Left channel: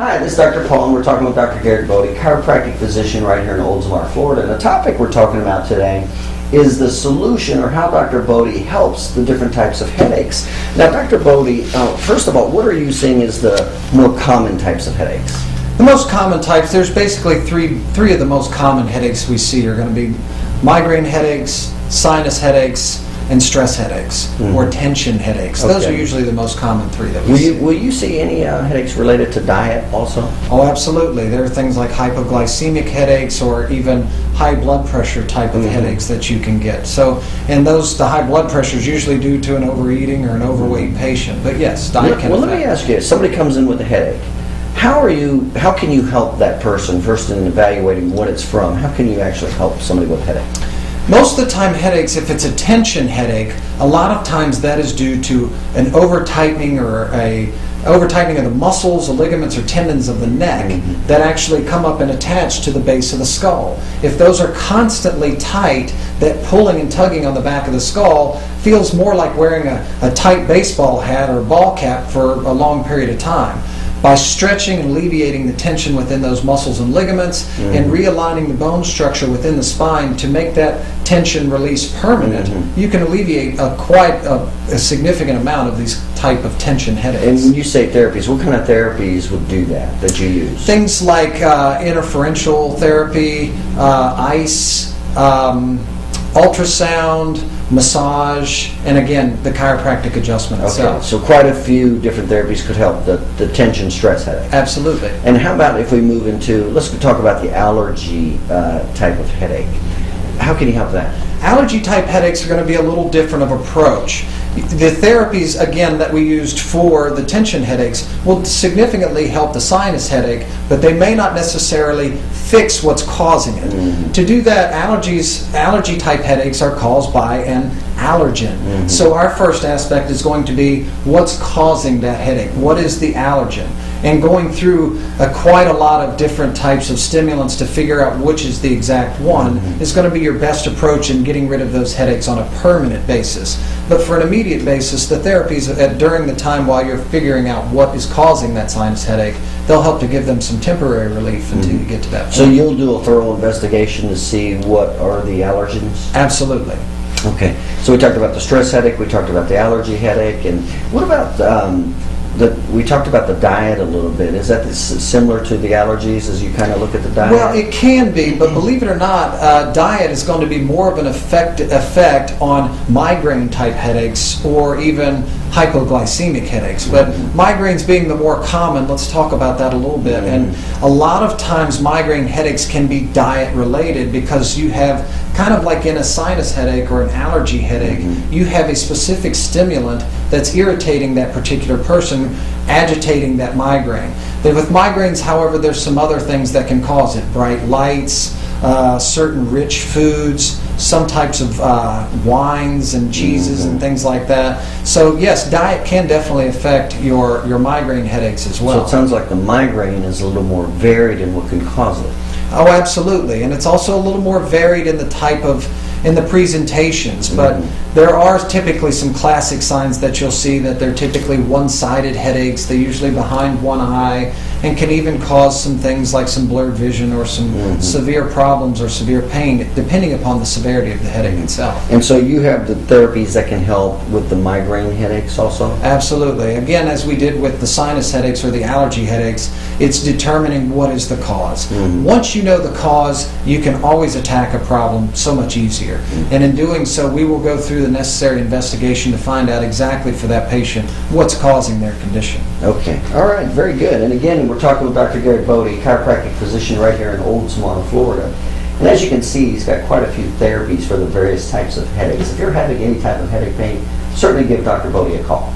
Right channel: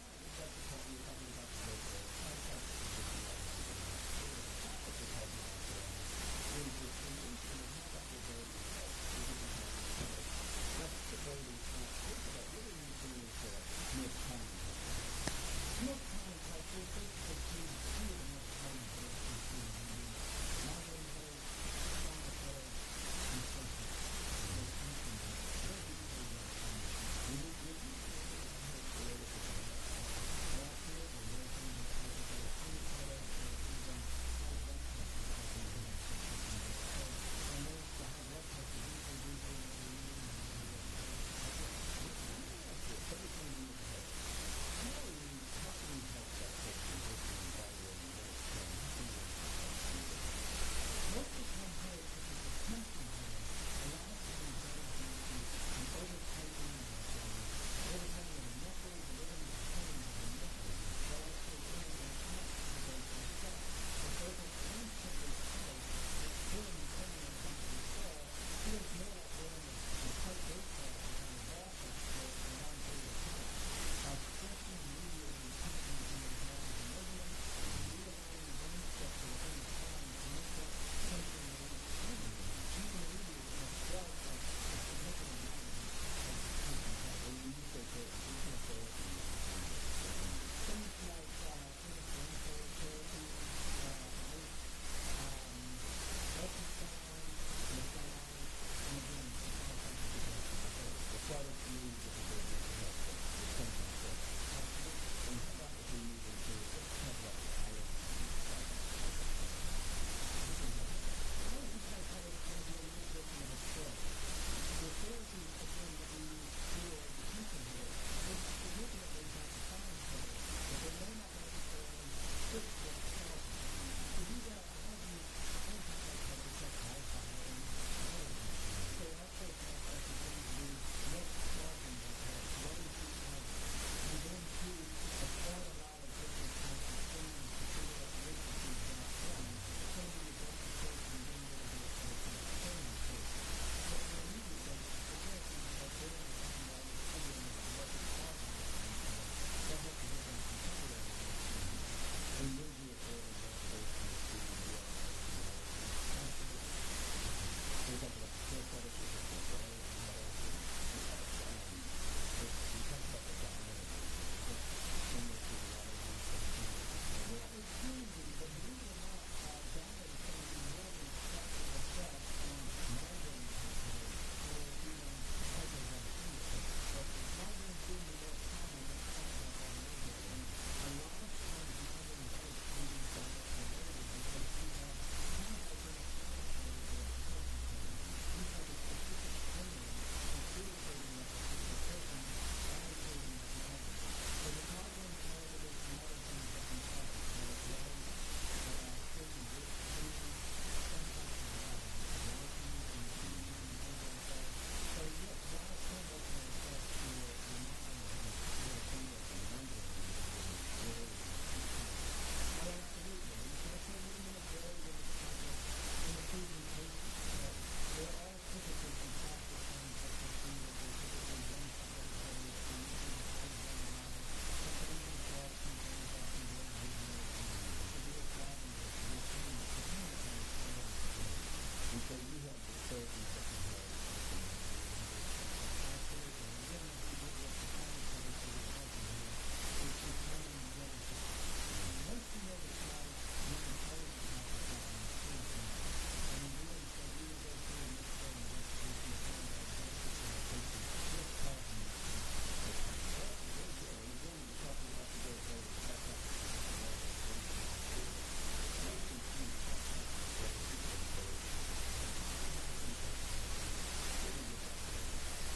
Hi, this is Dr. Paul, and we're talking with Dr. Garrett Bode, chiropractic physician right here in Oldsmar, Florida. And the topic we're talking about today is the solution, or how Dr. Bode helps the different types of headaches. Now, Dr. Bode, first of all, what are you seeing as the more common types of headaches? The most common types, there's basically three of the most common headaches we see are going to be migraine headaches, sinus headaches, and stress headaches, or tension headaches. Those are usually the most common three that we see. Will you see any headaches related to diet also? Oh, absolutely. There are things like hypoglycemic headaches or even high blood pressure type of headaches that you can get. So, and the high blood pressure is usually due to an overeating or an overweight patient. But yes, diet can affect. Let me ask you, somebody comes in with a headache. How can you help that person first in evaluating what it's from? How can you actually help somebody with a headache? Most of the time headaches, if it's a tension headache, a lot of times that is due to an over-tightening or a over-tightening of the muscles, the ligaments, or tendons of the neck that actually come up and attach to the base of the skull. If those are constantly tight, that pulling and tugging on the back of the skull feels more like wearing a tight baseball hat or ball cap for a long period of time. By stretching and alleviating the tension within those muscles and ligaments and realigning the bone structure within the spine to make that tension release permanent, you can alleviate quite a significant amount of these type of tension headaches. And when you say therapies, what kind of therapies would do that you use? Things like interferential therapy, ice, ultrasound, massage, and again, the chiropractic adjustment itself. So quite a few different therapies could help the tension stress headache. Absolutely. And how about if we move into, let's talk about the allergy type of headache. How can you help that? Allergy type headaches are going to be a little different of approach. The therapies, again, that we used for the tension headaches will significantly help the sinus headache, but they may not necessarily fix what's causing it. To do that, allergy type headaches are caused by an allergen. So our first aspect is going to be what's causing that headache. What is the allergen? And going through quite a lot of different types of stimulants to figure out which is the exact one is going to be your best approach in getting rid of those headaches on a permanent basis. But for an immediate basis, the therapies during the time while you're figuring out what is causing that sinus headache, they'll help to give them some temporary relief until you get to that point. So you'll do a thorough investigation to see what are the allergens? Absolutely. Okay. So we talked about the stress headache, we talked about the allergy headache, and what about we talked about the diet a little bit. Is that similar to the allergies as you kind of look at the diet? Well, it can be, but believe it or not, diet is going to be more of an effect on migraine type headaches or even hypoglycemic headaches. But migraines being the more common, let's talk about that a little bit. And a lot of times migraine headaches can be diet related because you have kind of like in a sinus headache or an allergy headache, you have a specific stimulant that's irritating that particular person, agitating that migraine. Then with migraines, however, there's some other things that can cause it. Bright lights, certain rich foods, some types of wines and cheeses and things like that. So yes, diet can definitely affect your migraine headaches as well. So it sounds like the migraine is a little more varied in what can cause it. Oh, absolutely. And it's also a little more varied in the type of, in the presentations. But there are typically some classic signs that you'll see that they're typically one-sided headaches. They're usually behind one eye and can even cause some things like some blurred vision or some severe problems or severe pain, depending upon the severity of the headache itself. And so you have the therapies that can help with the migraine headaches also? Absolutely. Again, as we did with the sinus headaches or the allergy headaches, it's determining what is the cause. Once you know the cause, you can always attack a problem so much easier. And in doing so, we will go through the necessary investigation to find out exactly for that patient what's causing their condition. Okay. All right. Very good. And again, we're talking with Dr. Garrett Bode, chiropractic physician right here in Oldsmar, Florida. And as you can see, he's got quite a few therapies for the various types of headaches. If you're having any type of headache pain, certainly give Dr. Bode a call.